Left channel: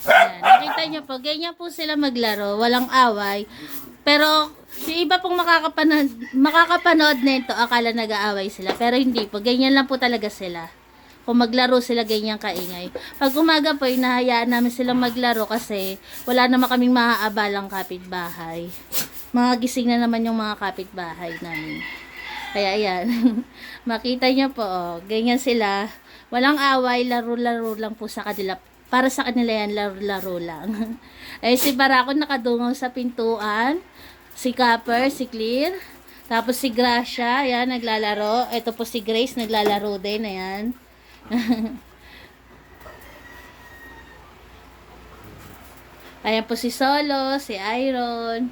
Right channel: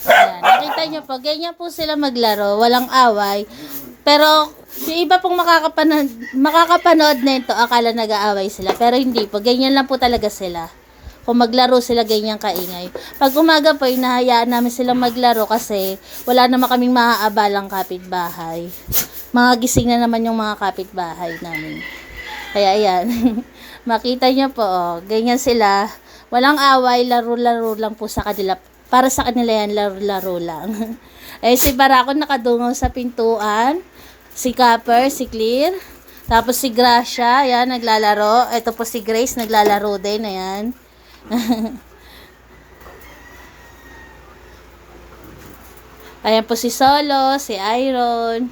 Ayan, nakita nyo po, ganyan po sila maglaro, walang away. Pero, yung iba pong makakapanood nito, akala nag-aaway sila. Pero hindi po, ganyan lang po talaga sila. Kung maglaro sila, ganyan kaingay. Pag umaga po, hinahayaan namin silang maglaro kasi wala naman kaming maaabalang kapitbahay. Mga gising na naman yung mga kapitbahay namin. Kaya ayan, makita nyo po, ganyan sila. Walang away, laro-laro lang po sa kanila. Para sa kanila yan, laro-laro lang. Ay si Barako nakadungaw sa pintuan. Si Copper, si Clear. Tapos si Gracia, ayan, naglalaro. Ito po si Grace, naglalaro din, ayan. Ayan po si Solo, si Iron.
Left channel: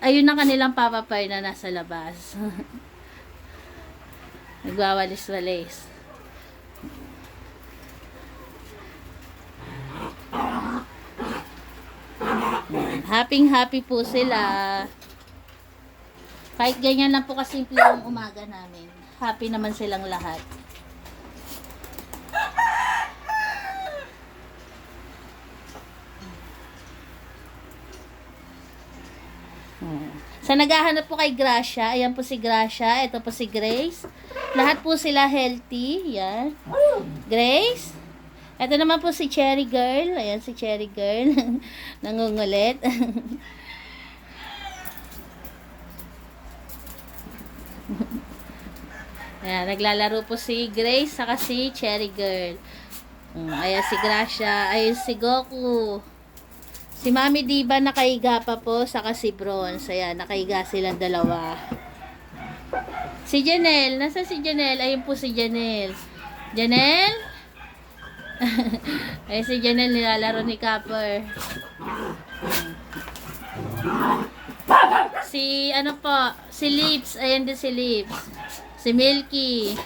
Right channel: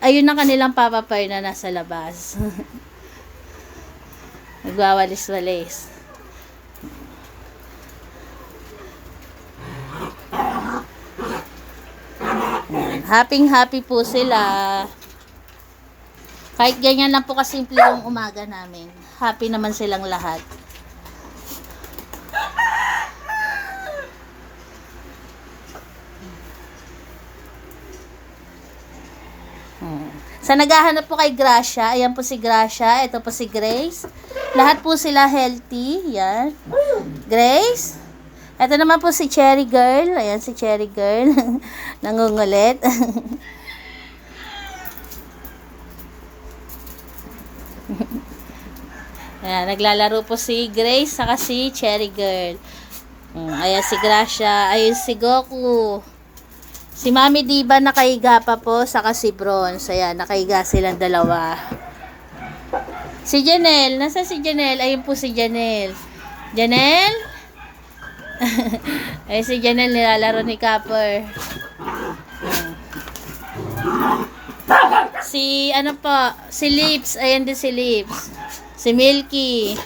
Ayun ang kanilang Papa Pearl na nasa labas. Nagwawalis-walis. Happy po sila. Kahit ganyan lang po kasimple yung umaga namin. Happy naman silang lahat. Sa naghahanap po kay Gracia, ayan po si Gracia, ito po si Grace. Lahat po sila healthy, yan. Grace. Ito naman po si Cherry Girl, ayan si Cherry Girl. Nangungulit. Ayan, naglalaro po si Grace, saka si Cherry Girl. Ayan si Gracia, ayan si Goku. Si Mami Diva nakahiga pa po, saka si Bronze. Ayan, nakahiga silang dalawa. Si Janelle, nasa si Janelle? Ayun po si Janelle. Janelle? Ayun si Janelle, nilalaro ni Copper. Si, ano po, si Lips. Ayan din si Lips. Si Milky.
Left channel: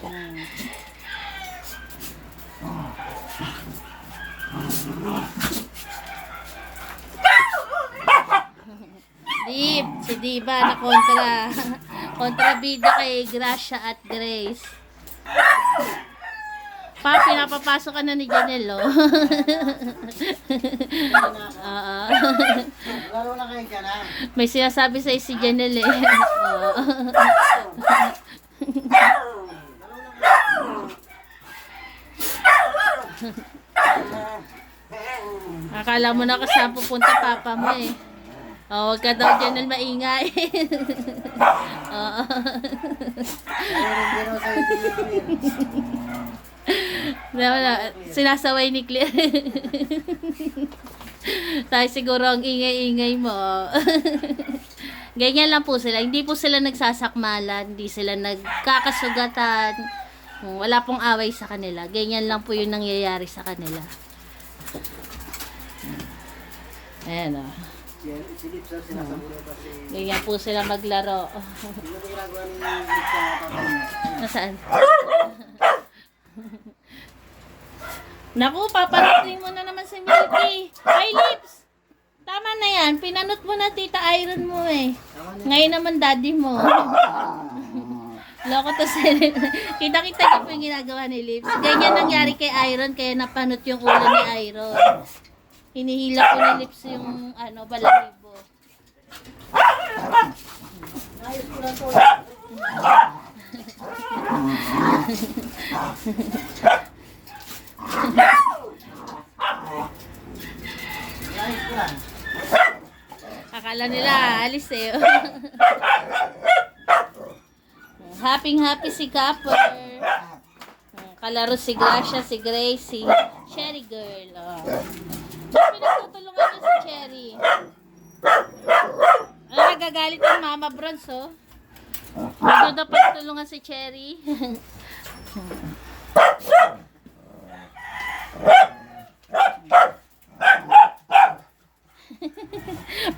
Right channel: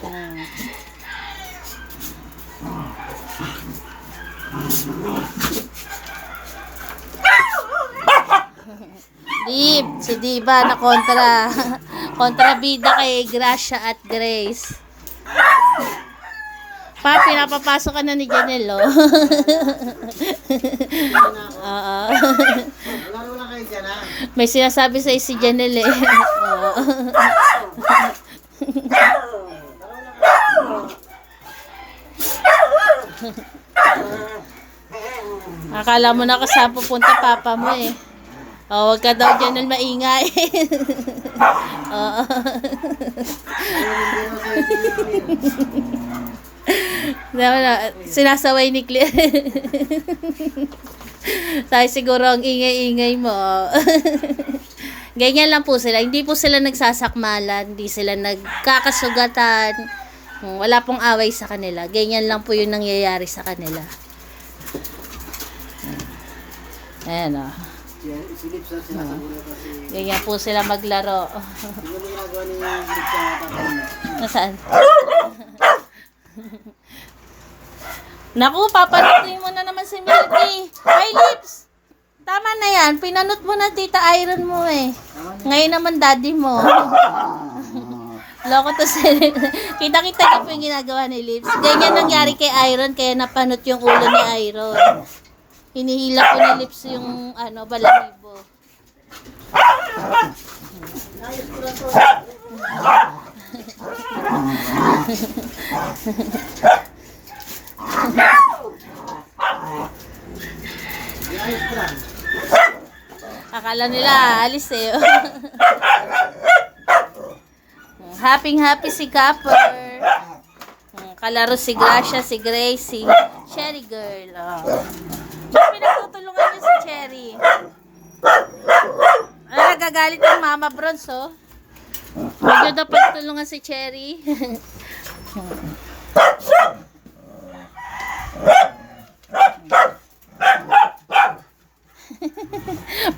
Si Diva na kontrabida kay Gracia at Grace. Pa, pinapapasok ka na ni Janelle, oh. Oo. Laro lang kayo dyan, ha? May sinasabi sa'yo si Janelle, eh. Oo. Akala mo na kasama pupunta papa mo, eh. Oh, wag ka daw dyan maingay. Oo. Sinasaway ni Claire. Tayo siguro ang ingay-ingay mo. Ganyan lang po sila. Hindi po sila nagsasakmalan. Hindi sila nagkakasugatan. Wala pong away sa kanila. Ganyan lang po yung nangyayari sa kanila. Ayan, o. Si Lips ang sinasabunan kasi... Ganyan po sila maglaro. Hindi mo ginagawa ni Lips sa tatay mo. Nasaan? Naku, papanutin mo na naman si Milky. Ay, Lips! Tama na yan. Pinanot mo na Tita Iron mo, eh. Ngayon naman daddy mo. Loko to sila. Kita-kita ko po yung ginagawa ni Lips. Ganyan nangyari kay Iron, kaya napanot yung ulo ni Iron. Hinihila ko ni Lips yung balahibo. Ayos ko lang to. Ayos ko lang. Akala nila, alis eh. Happy si Copper. Kalaro si Gracia, si Grace, si Cherry Girl. Oh. Pinagtutulungan niyo si Cherry. Nagagalit ang Mama Bronze, oh. Medyo dapat tulungan si Cherry.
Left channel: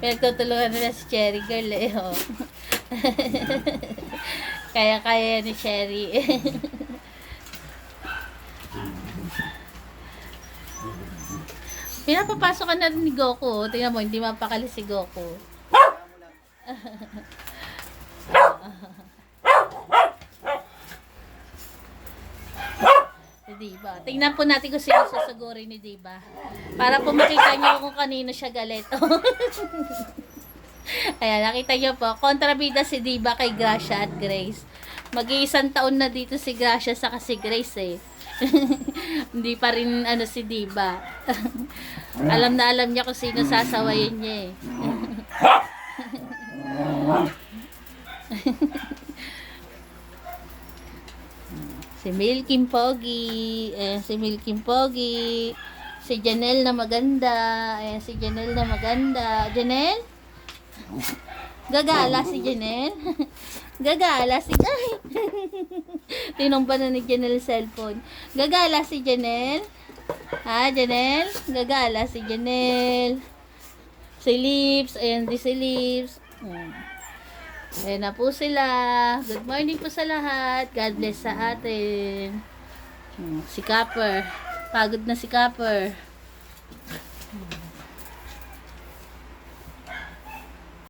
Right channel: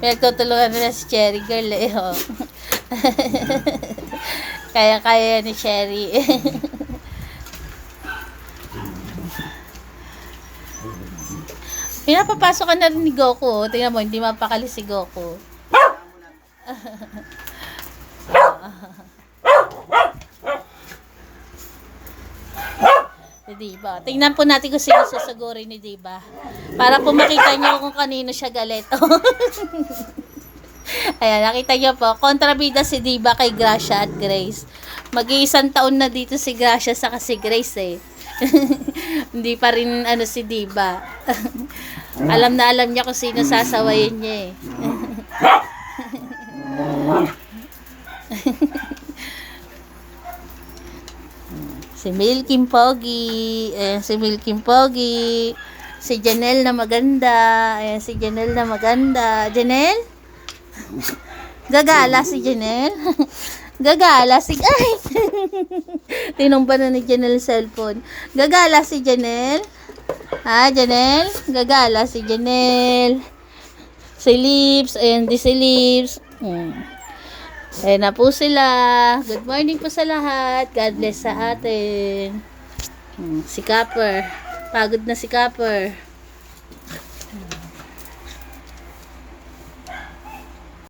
Pinagtutulungan nila si Cherry girl eh. Oh. Kaya-kaya ni Cherry. Pinapapasok ka na rin ni Goku. Tingnan mo, hindi mapakali si Goku. Diba? Tingnan po natin kung sino susugurin ni Diba. Para po makita niyo kung kanino siya galit. Ayan, nakita niyo po. Kontrabida si Diba kay Gracia at Grace. Mag-iisang taon na dito si Gracia saka si Grace eh. Hindi pa rin si Diba. Alam na alam niya kung sino sasawayin niya eh. Si Milking Pogi. Ayan, si Milking Pogi. Si Janelle na maganda. Ayan, si Janelle na maganda. Janelle? Gagala si Janelle? Gagala si... Ay! Tinumba na ni Janelle cellphone. Gagala si Janelle? Ha, Janelle? Gagala si Janelle. Si Lips. Ayan, di si Lips. Ayan na po sila. Good morning po sa lahat. God bless sa atin. Si Copper. Pagod na si Copper.